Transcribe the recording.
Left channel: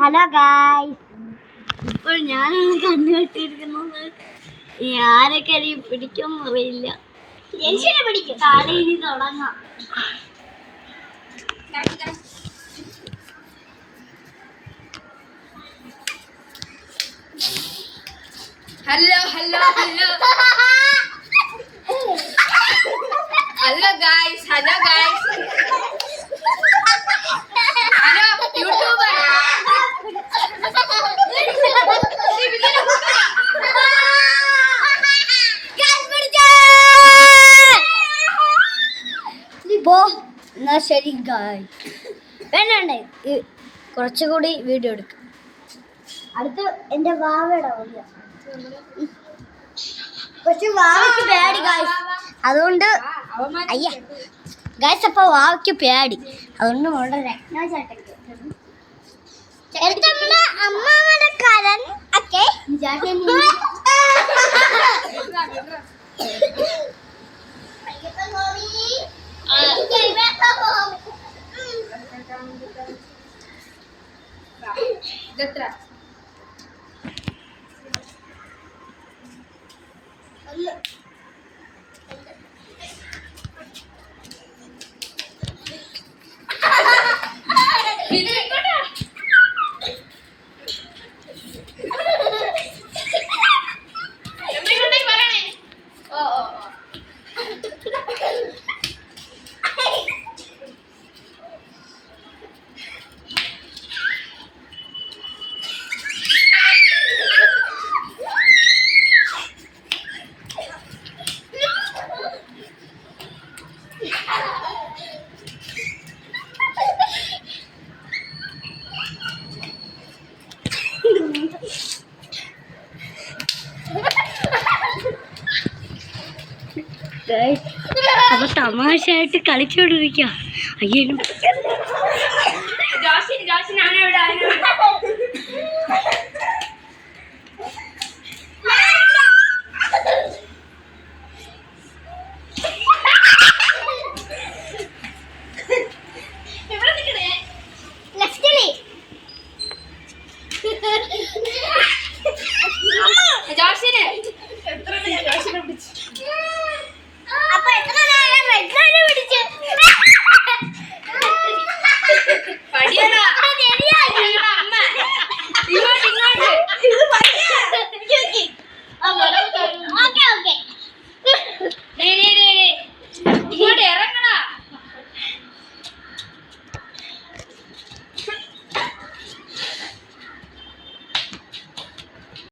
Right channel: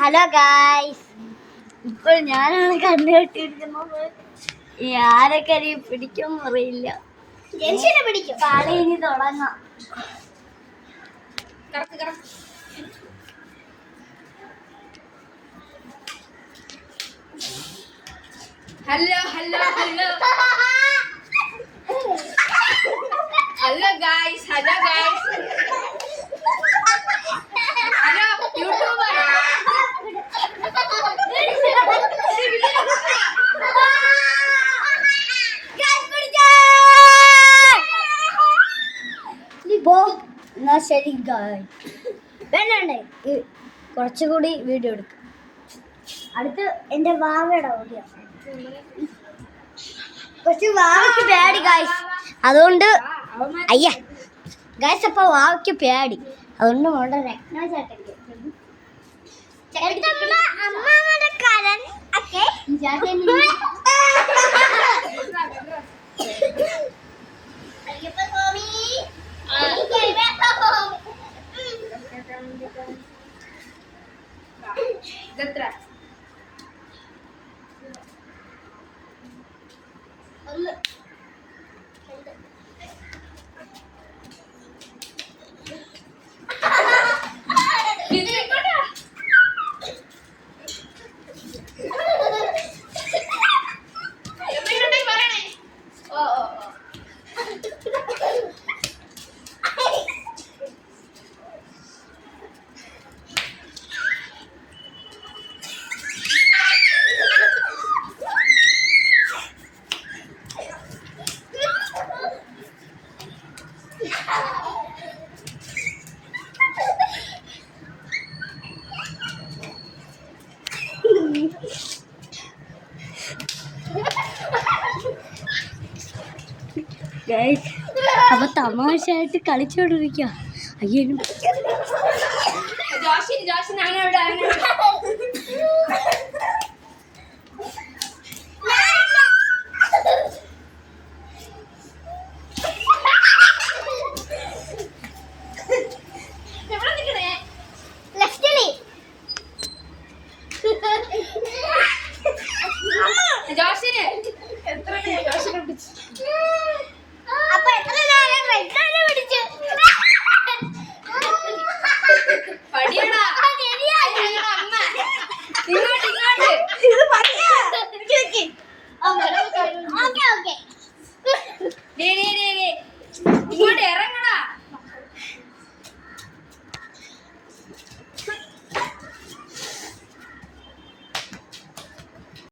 Hello guys, ഇപ്പോൾ ഞാനാണ് കണ്ണു കെട്ടിയിരിക്കുന്നത്. ആരൊക്കെ അരി പിടിക്കും അറിയില്ല. ജനിച്ചിട്ട് പിടിക്കും. കളി ഇനി തുടങ്ങാം. Hello hello hello hello guys, hello guys, hello YouTuber. എന്നാ ശരി ഗായ്, വേണ്ടേ കുറച്ചുകൂടി വീഡിയോ എടുക്കാം. അടുത്ത് എൻ്റെ വാവയുടെ ഓടിയ പക്ഷെ വാവയ്ക്ക് പേടി ഗായ്സ്, അതുകൊണ്ട് അയ്യ ഗായ്സ്, അപ്പൊ വാവയ്ക്ക് പേടി, അതുകൊണ്ട് മോളുടെ രത്ന ചേട്ടൻ അപ്പൊ തമാശയായിട്ട് കളിച്ചോണ്ടിരിക്കുക. അയ്യോ